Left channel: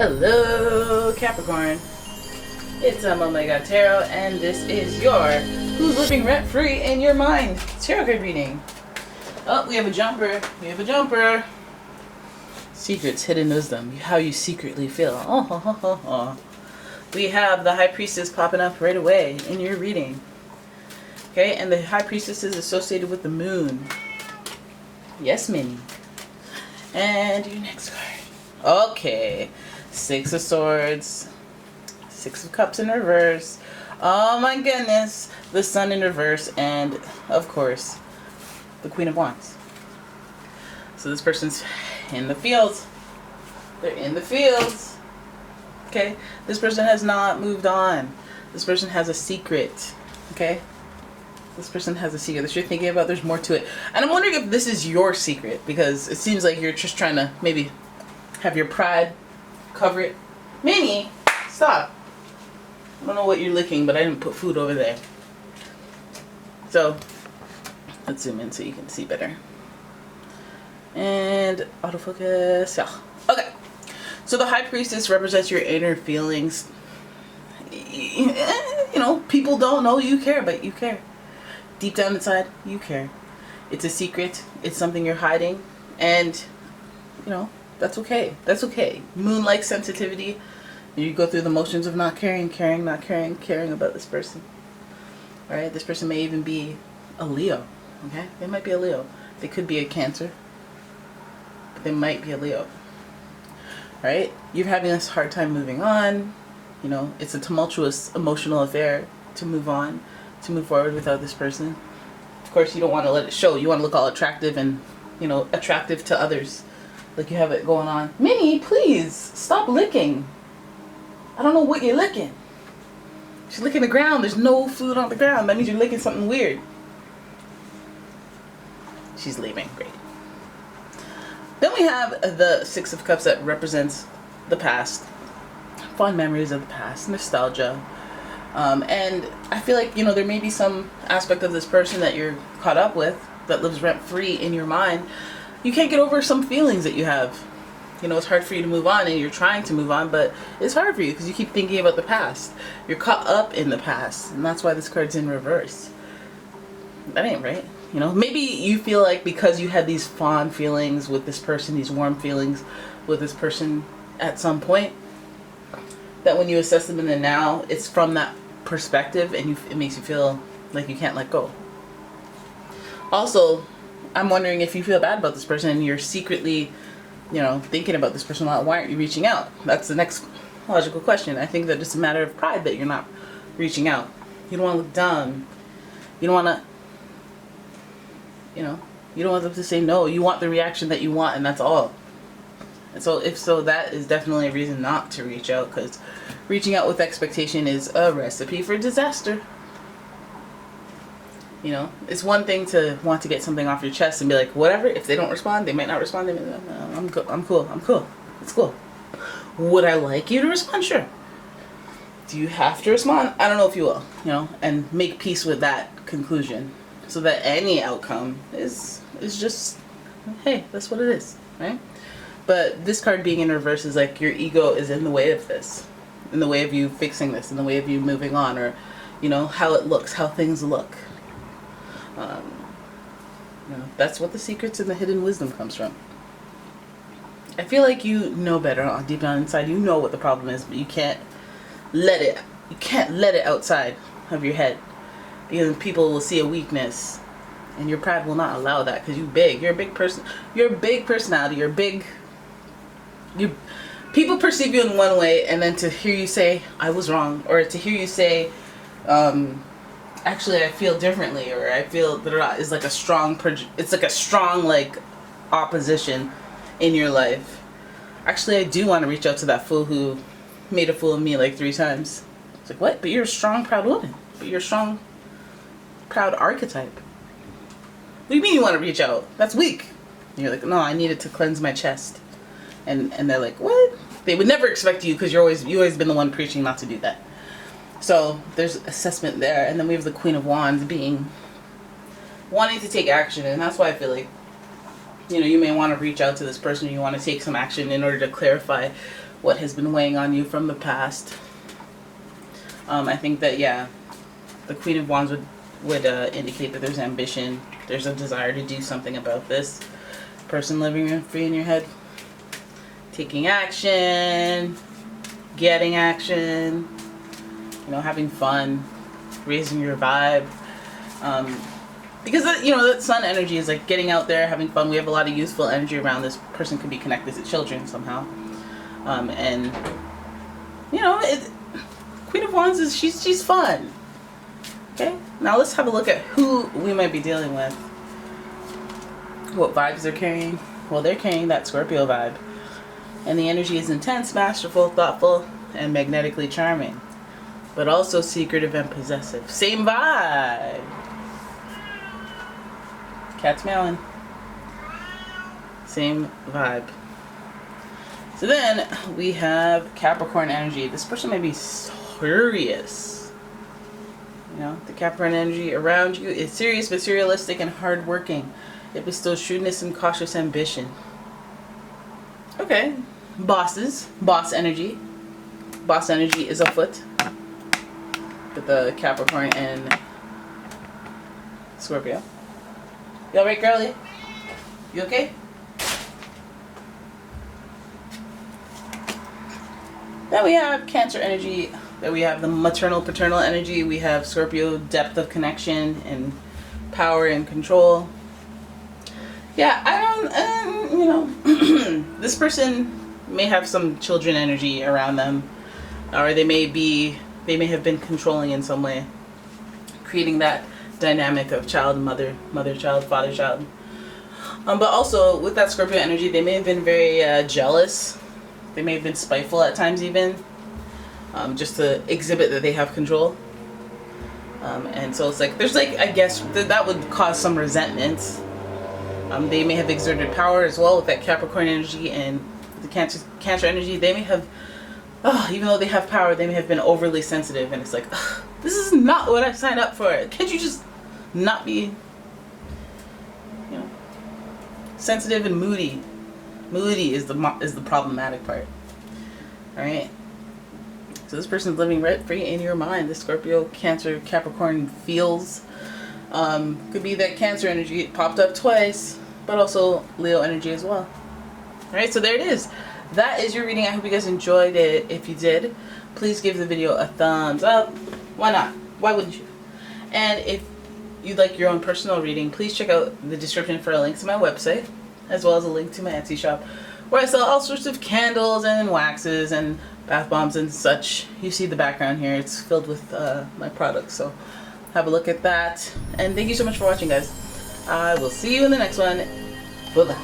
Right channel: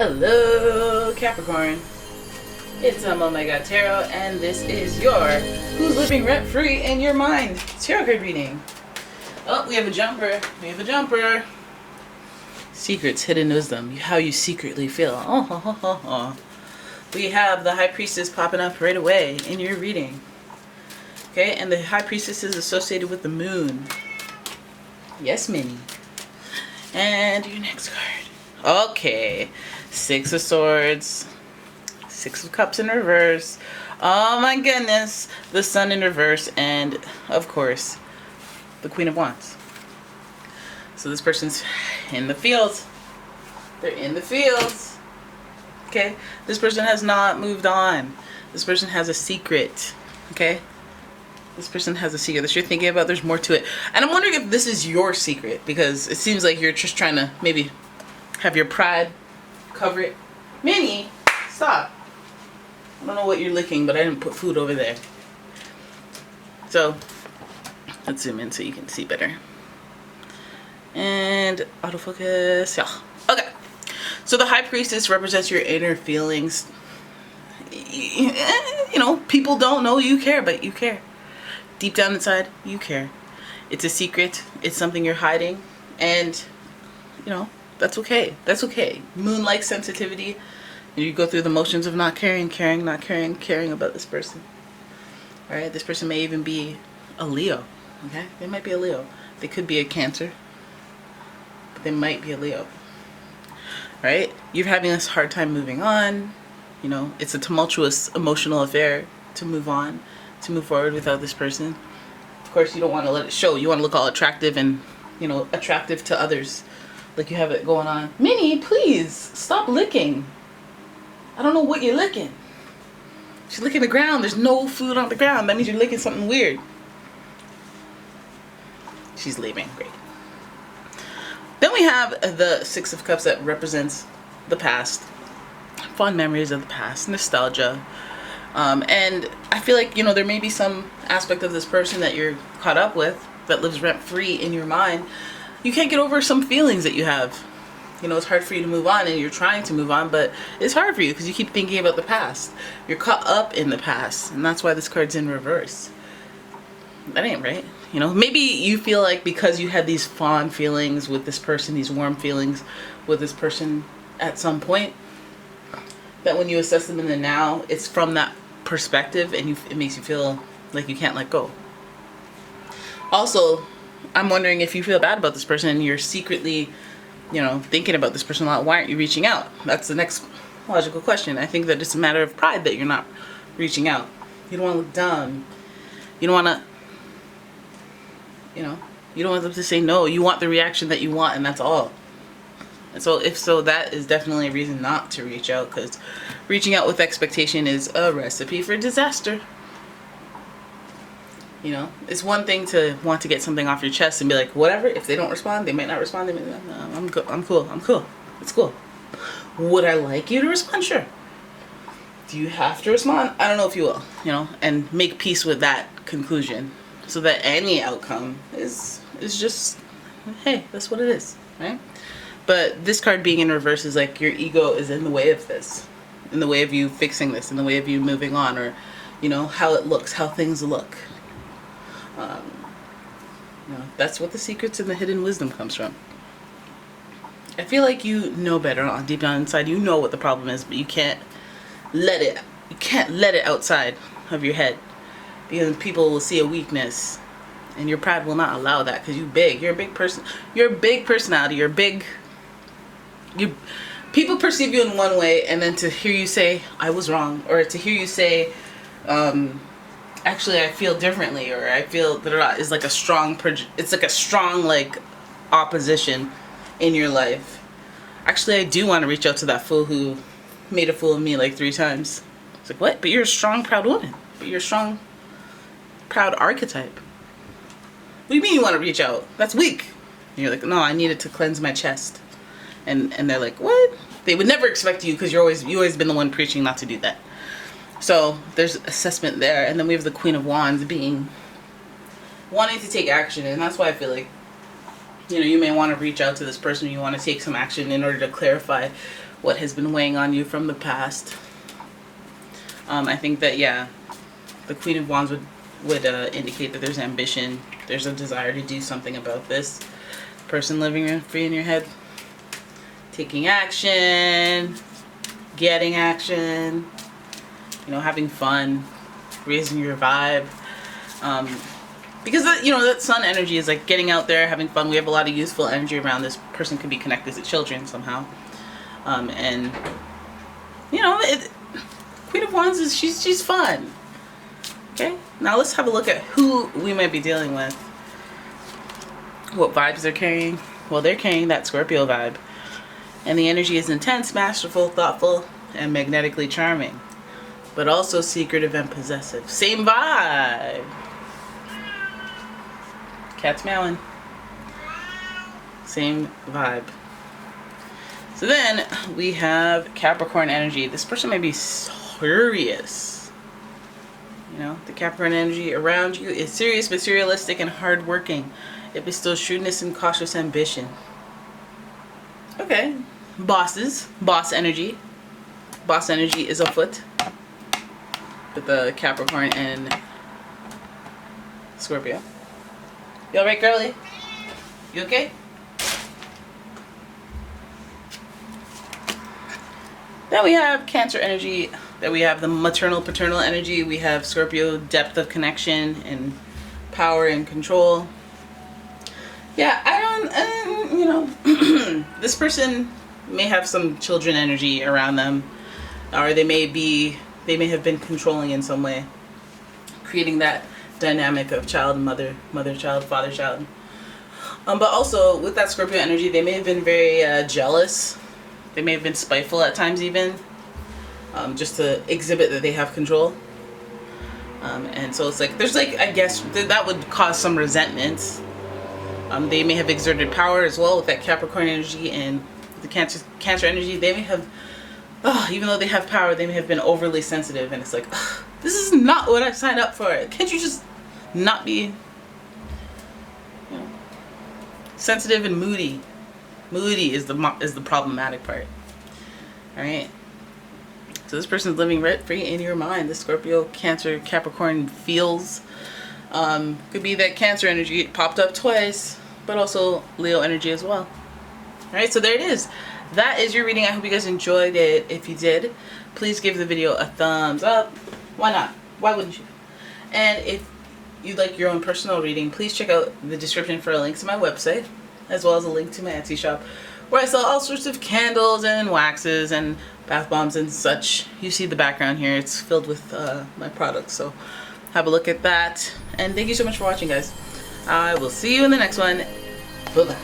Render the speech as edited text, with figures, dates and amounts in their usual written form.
Hello, Capricorn. It's umomgtarot, and this is your Who's Living Rent-Free in Your Mind tarot card reading. Oh, we have a jumper. We have a jumper. Secrets, hidden wisdom, how you secretly feel. Oh, ho, ho, ho, ho. We have the High Priestess popping up right away in your reading. Okay, and the High Priestess is associated with the moon. Yes, Minnie. And your next card. Okay. Six of Swords, Six of Cups in reverse. Oh my goodness, the Sun in reverse, and of course, the Queen of Wands. So this person's in the fields. They're in the fields. Okay, this person has not moved on. This person has a secret. Okay, this person has a secret that you're thinking about. There's more to it, and I'm wondering if this is your secret, because it seems like you're just trying to maybe have your pride cover it. Minnie, stop. I don't know what you're licking, but I didn't put food over there. So, let's zoom in so you can see better. And autofocus. Yeah. Okay. So the High Priestess represents your inner feelings. You know, people don't know you care, but you care. Deep down inside, you care. It's a secret. It's something you're hiding. And, you know, that's okay. That's okay. Moon-like sensitivity. You go through the motions of not caring, caring, not caring, caring about this person. Alright? This person may even be a Leo. Okay? They might be a Leo. They could be a Cancer. But they might be a Leo. Right? You're having a hard time moving on. You know, it's a tumultuous emotional affair to move on, to move forward without this person. Of course, you don't want to let it show. You want to look all attractive and, you know, attractive to others. Like you have it going on. Minnie, please stop licking. I don't know what you're licking. She's licking the ground. There's no food on the ground. That means you're licking something weird. She's leaving. Great. Then we have the Six of Cups that represents the past. Fond memories of the past. Nostalgia. And I feel like, you know, there may be some aspect of this person that you're caught up with that lives rent-free in your mind. You can't get over some feelings that you have. You know, it's hard for you to move on, and you're trying to move on, but it's hard for you because you keep thinking about the past. You're caught up in the past, and that's why this card's in reverse. That ain't right. You know, maybe you feel like because you had these fond feelings with this person, these warm feelings with this person at some point, that when you assess them in the now, it's from that perspective, and it makes you feel like you can't let go. Also, I'm wondering if you feel bad about this person and you're secretly, you know, thinking about this person a lot. Why aren't you reaching out? That's the next logical question. I think that it's a matter of pride that you're not reaching out. You don't want to look dumb. You don't want to, you know, you don't want them to say no. You want the reaction that you want, and that's all. And so if so, that is definitely a reason not to reach out, because reaching out with expectation is a recipe for disaster. You know, it's one thing to want to get something off your chest and be like, whatever, if they don't respond, they might not respond. They might not, no, I'm cool. It's cool. Would I like you to respond? Sure. Do you have to respond? I don't know if you will, you know, and make peace with that conclusion so that any outcome is just, hey, that's what it is, right? But this card being in reverse is like your ego is in the way of this, in the way of you fixing this, in the way of you moving on, or, you know, how it looks, how things look. You know, that's what the secrets and the hidden wisdom comes from. I feel like you know better deep down inside. You know what the problem is, but you can't let it. You can't let it outside of your head, because people will see a weakness, and your pride will not allow that. Because you're big. You're a big person. You're a big personality. You're big. People perceive you in one way, and then to hear you say I was wrong, or to hear you say, actually I feel differently, or I feel that is like a strong it's like a strong like opposition in your life. Actually, I do want to reach out to that fool who made a fool of me like 3 times. It's like, what? But you're a strong, proud woman. But you're a strong, proud archetype. What do you mean you want to reach out? That's weak. And you're like, no, I needed to cleanse my chest. And they're like, what? They would never expect you, because you always been the one preaching not to do that. So there's assessment there. And then we have the Queen of Wands wanting to take action. And that's why I feel like, you know, you may want to reach out to this person. You want to take some action in order to clarify what has been weighing on you from the past. I think that, yeah, the Queen of Wands would indicate that there's ambition, there's a desire to do something about this. Person living free in your head, taking action, getting action, you know, having fun, raising your vibe. Because, you know, that sun energy is like getting out there, having fun. We have a lot of youthful energy around this. Person could be connected to children somehow. And, you know, Queen of Wands is, she's fun. Okay, now let's have a look at who we might be dealing with. What vibes they're carrying. Well, they're carrying that Scorpio vibe. And the energy is intense, masterful, thoughtful, and magnetically charming. But also secretive and possessive. Same vibe. Cat's meowing. Same vibe. So then we have Capricorn energy. This person may be serious. You know, the Capricorn energy around you is serious, materialistic, and hardworking. It bestows shrewdness and cautious ambition. Okay. Bosses. Boss energy. Boss energy is afoot with the Capricorn and Scorpio. You alright, girlie? You okay? Then we have Cancer energy. Then we have the maternal, paternal energy. We have Scorpio, depth of connection and power and control. Yeah, I don't, you know, this person may have some children energy around them, or they may have been controlling in some way, creating that dynamic of child and mother, child, father, child. But also with that Scorpio energy, they may have been very jealous. They may have been spiteful at times even, just to exhibit that they have control. And so it's like, there's like, I guess that would cause some resentment. They may have exerted power as well with that Capricorn energy and the Cancer energy. They may have, even though they have power, they may have been overly sensitive, and it's like, this is not what I signed up for. Can't you just not be, you know, sensitive and moody? Moody is the problematic part. All right. So this person's living rent free in your mind. The Scorpio, Cancer, Capricorn feels. Could be that Cancer energy popped up twice, but also Leo energy as well. All right. So there it is. That is your reading. I hope you guys enjoyed it. If you did, please give the video a thumbs up. Why not? Why wouldn't you? And if you'd like your own personal reading, please check out the description for a link to my website, as well as a link to my Etsy shop, where I sell all sorts of candles and waxes and bath bombs and such. You see the background here. It's filled with my products. So have a look at that. And thank you so much for watching, guys. I will see you in the next one. Bye-bye.